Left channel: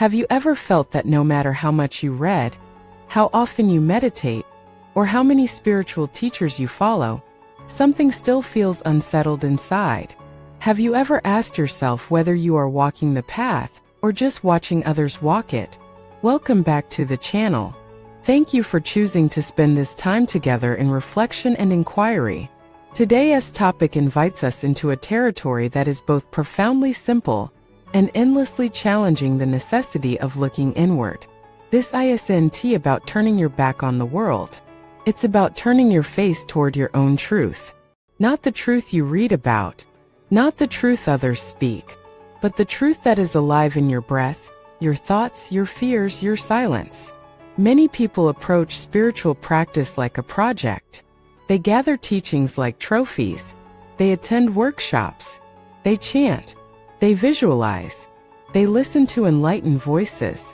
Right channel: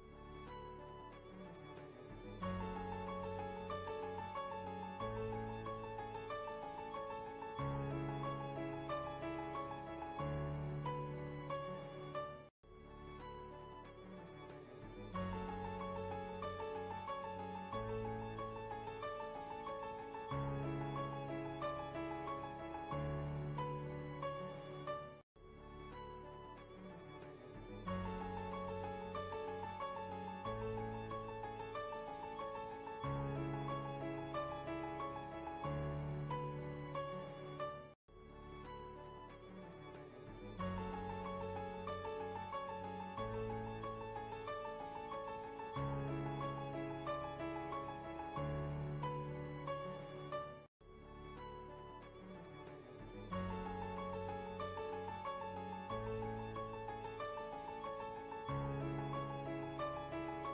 Have you ever felt that no matter how much you read, how often you meditate, or how many spiritual teachers you follow, something still feels unsettled inside? Have you ever asked yourself whether you are walking the path or just watching others walk it? Welcome back to the channel. Thank you for choosing to spend this time together in reflection and inquiry. Today's topic invites us into a territory that is both profoundly simple and endlessly challenging: the necessity of looking inward. This isn't about turning your back on the world. It's about turning your face toward your own truth. Not the truth you read about, not the truth others speak, but the truth that is alive in your breath, your thoughts, your fears, your silence. Many people approach spiritual practice like a project. They gather teachings like trophies. They attend workshops. They chant. They visualize. They listen to enlightened voices.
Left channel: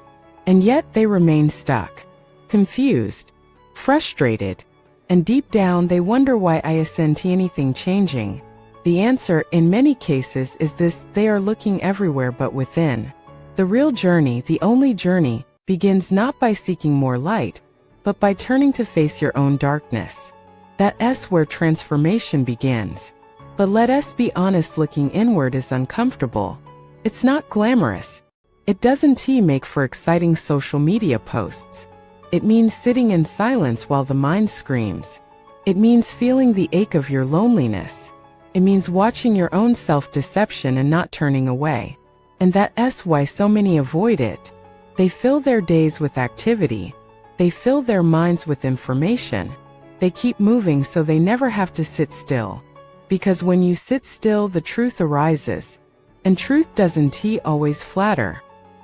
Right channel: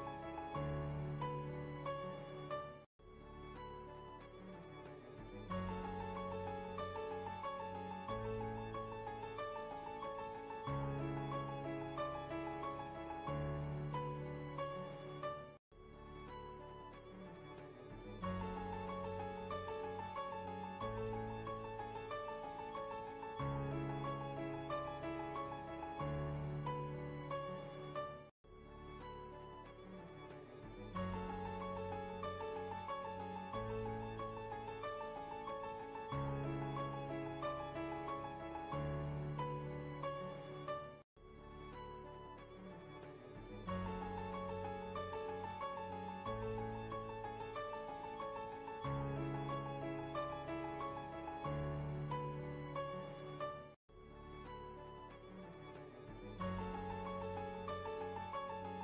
And yet they remain stuck, confused, frustrated, and deep down they wonder why isn't anything changing. The answer, in many cases, is this: they are looking everywhere but within. The real journey, the only journey, begins not by seeking more light, but by turning to face your own darkness. That's where transformation begins. But let us be honest, looking inward is uncomfortable. It's not glamorous. It doesn't make for exciting social media posts. It means sitting in silence while the mind screams. It means feeling the ache of your loneliness. It means watching your own self-deception and not turning away. And that's why so many avoid it. They fill their days with activity. They fill their minds with information. They keep moving so they never have to sit still. Because when you sit still, the truth arises. And truth doesn't always flatter.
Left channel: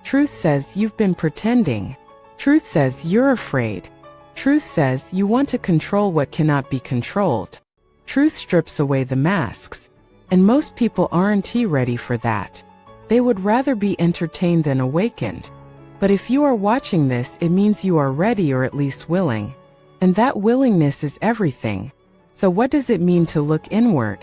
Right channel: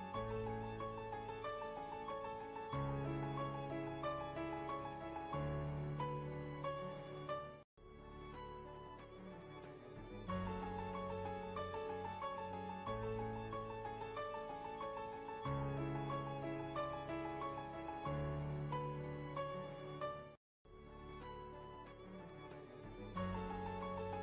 Truth says you've been pretending. Truth says you're afraid. Truth says you want to control what cannot be controlled. Truth strips away the masks. And most people aren't ready for that. They would rather be entertained than awakened. But if you are watching this, it means you are ready, or at least willing. And that willingness is everything. So what does it mean to look inward?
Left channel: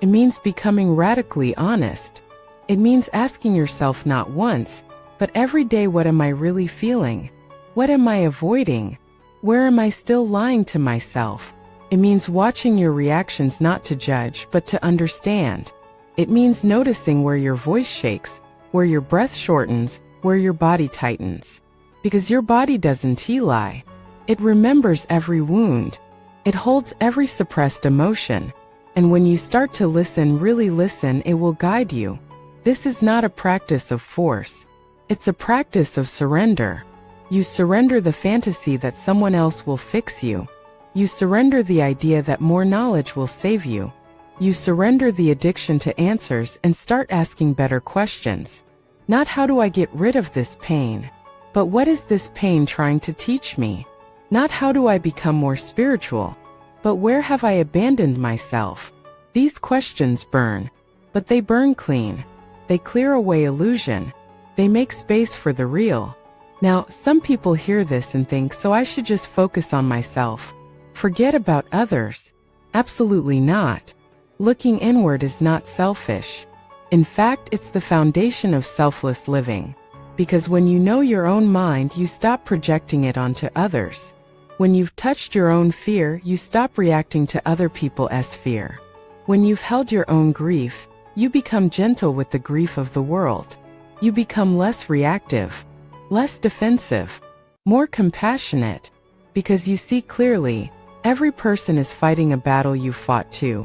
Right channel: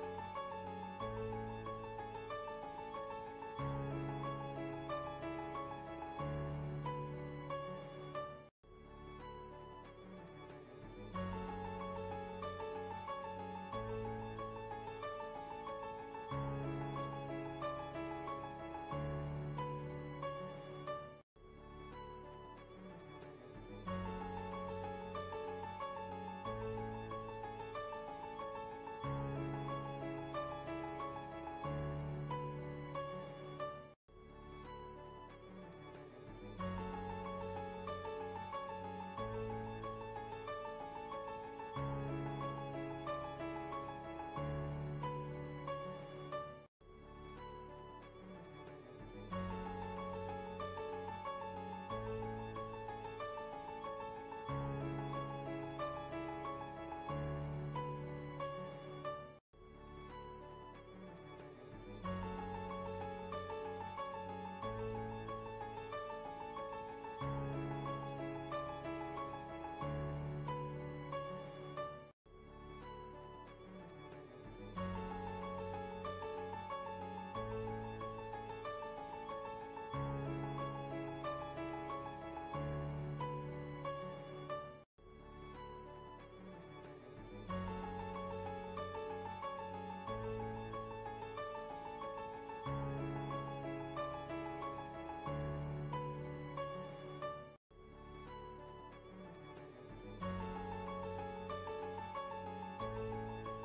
It means becoming radically honest. It means asking yourself not once, but every day, what am I really feeling? What am I avoiding? Where am I still lying to myself? It means watching your reactions, not to judge, but to understand. It means noticing where your voice shakes, where your breath shortens, where your body tightens. Because your body doesn't lie. It remembers every wound. It holds every suppressed emotion. And when you start to listen, really listen, it will guide you. This is not a practice of force. It's a practice of surrender. You surrender the fantasy that someone else will fix you. You surrender the idea that more knowledge will save you. You surrender the addiction to answers and start asking better questions. Not how do I get rid of this pain, but what is this pain trying to teach me? Not how do I become more spiritual, but where have I abandoned myself? These questions burn, but they burn clean. They clear away illusion. They make space for the real. Now, some people hear this and think, so I should just focus on myself. Forget about others. Absolutely not. Looking inward is not selfish. In fact, it's the foundation of selfless living. Because when you know your own mind, you stop projecting it onto others. When you've touched your own fear, you stop reacting to other people's fear. When you've held your own grief, you become gentle with the grief of the world. You become less reactive, less defensive, more compassionate. Because you see clearly, every person is fighting a battle you fought too.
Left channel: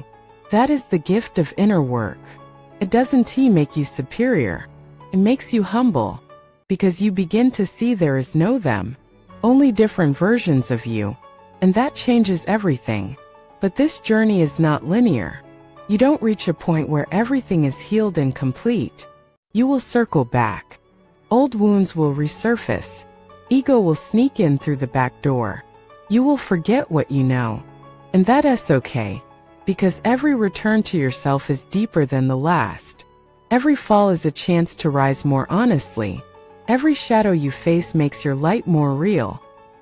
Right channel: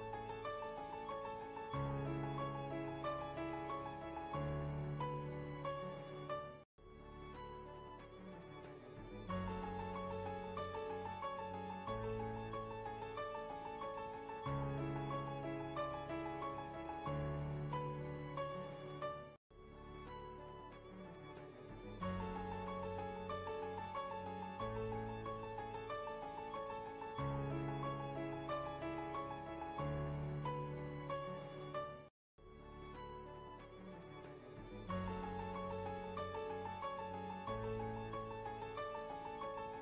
That is the gift of inner work. It doesn't make you superior. It makes you humble. Because you begin to see there is no them, only different versions of you. And that changes everything. But this journey is not linear. You don't reach a point where everything is healed and complete. You will circle back. Old wounds will resurface. Ego will sneak in through the back door. You will forget what you know. And that's okay. Because every return to yourself is deeper than the last. Every fall is a chance to rise more honestly. Every shadow you face makes your light more real.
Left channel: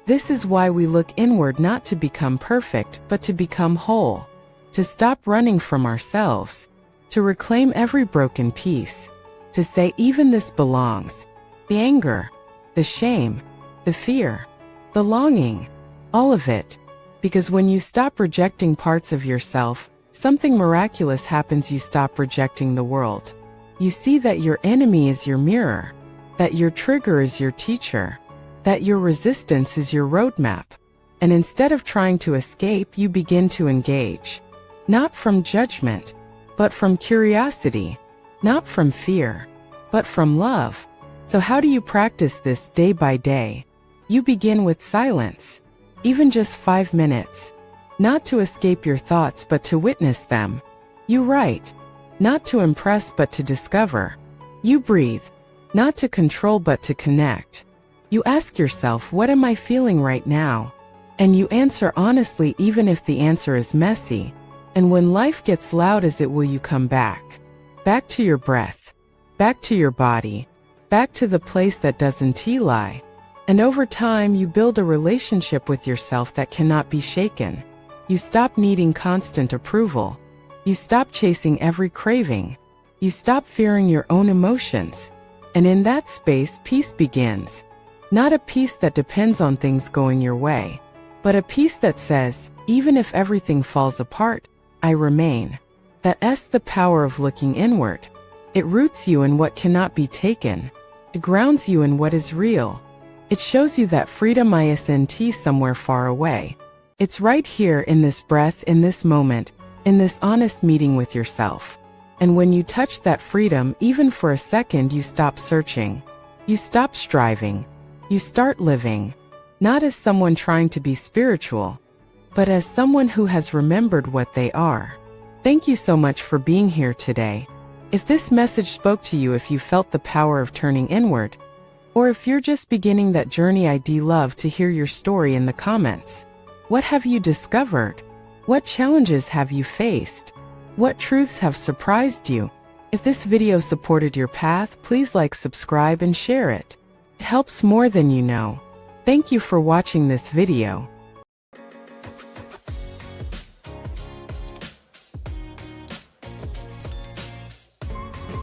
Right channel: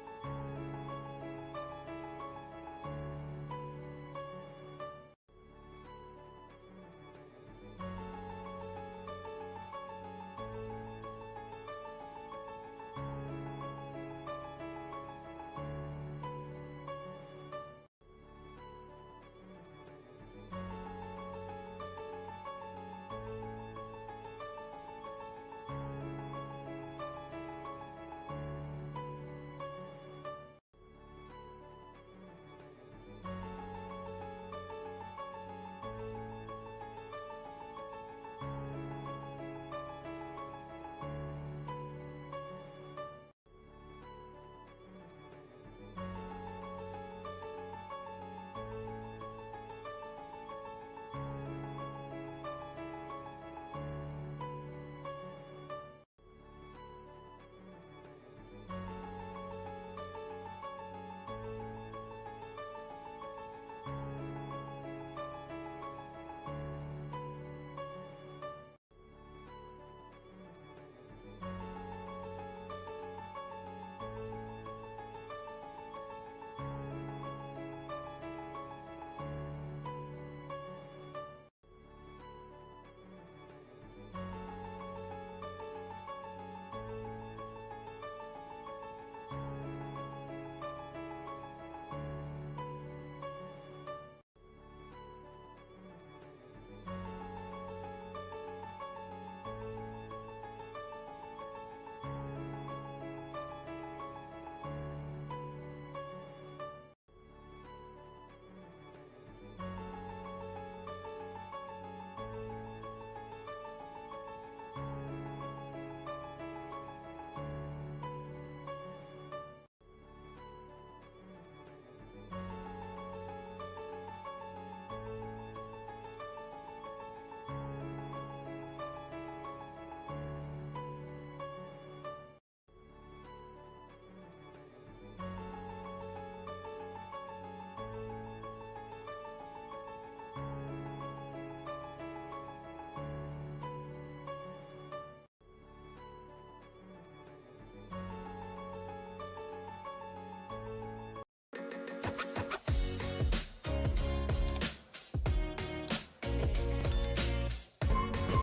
This is why we look inward, not to become perfect, but to become whole. To stop running from ourselves. To reclaim every broken piece. To say, even this belongs. the anger, the shame, the fear, the longing, all of it. Because when you stop rejecting parts of yourself, something miraculous happens. You stop rejecting the world. You see that your enemy is your mirror, that your trigger is your teacher, that your resistance is your roadmap. And instead of trying to escape, you begin to engage. Not from judgment, but from curiosity. Not from fear, but from love. So how do you practice this day by day? You begin with silence, even just 5 minutes. Not to escape your thoughts, but to witness them. You write, not to impress, but to discover. You breathe, not to control, but to connect. You ask yourself, what am I feeling right now? And you answer honestly, even if the answer is messy. And when life gets loud, as it will, you come back. Back to your breath, back to your body, back to the place that doesn't lie. And over time, you build a relationship with yourself that cannot be shaken. You stop needing constant approval. You stop chasing every craving. You stop fearing your own emotions. And in that space, peace begins. Not a peace that depends on things going your way, but a peace that says, even if everything falls apart, I remain. That's the power of looking inward. It roots you in what cannot be taken. It grounds you in what is real. It shows you that freedom isn't somewhere far away. It's right here, in this breath, in this moment, in this honest meeting with yourself. And when you touch that freedom, even for a second, you stop searching. You stop striving. You start living. Not as someone trying to be spiritual, but as someone who has remembered what they are. Thank you so much for being here today. If this message spoke to you, if you felt the power of turning inward, or if you're just beginning that journey, I'd love to hear your story in the comments. What have you discovered? What challenges have you faced? What truths have surprised you? If this video supported your path, please like, subscribe, and share it. It helps more than you know. Thank you for watching this video.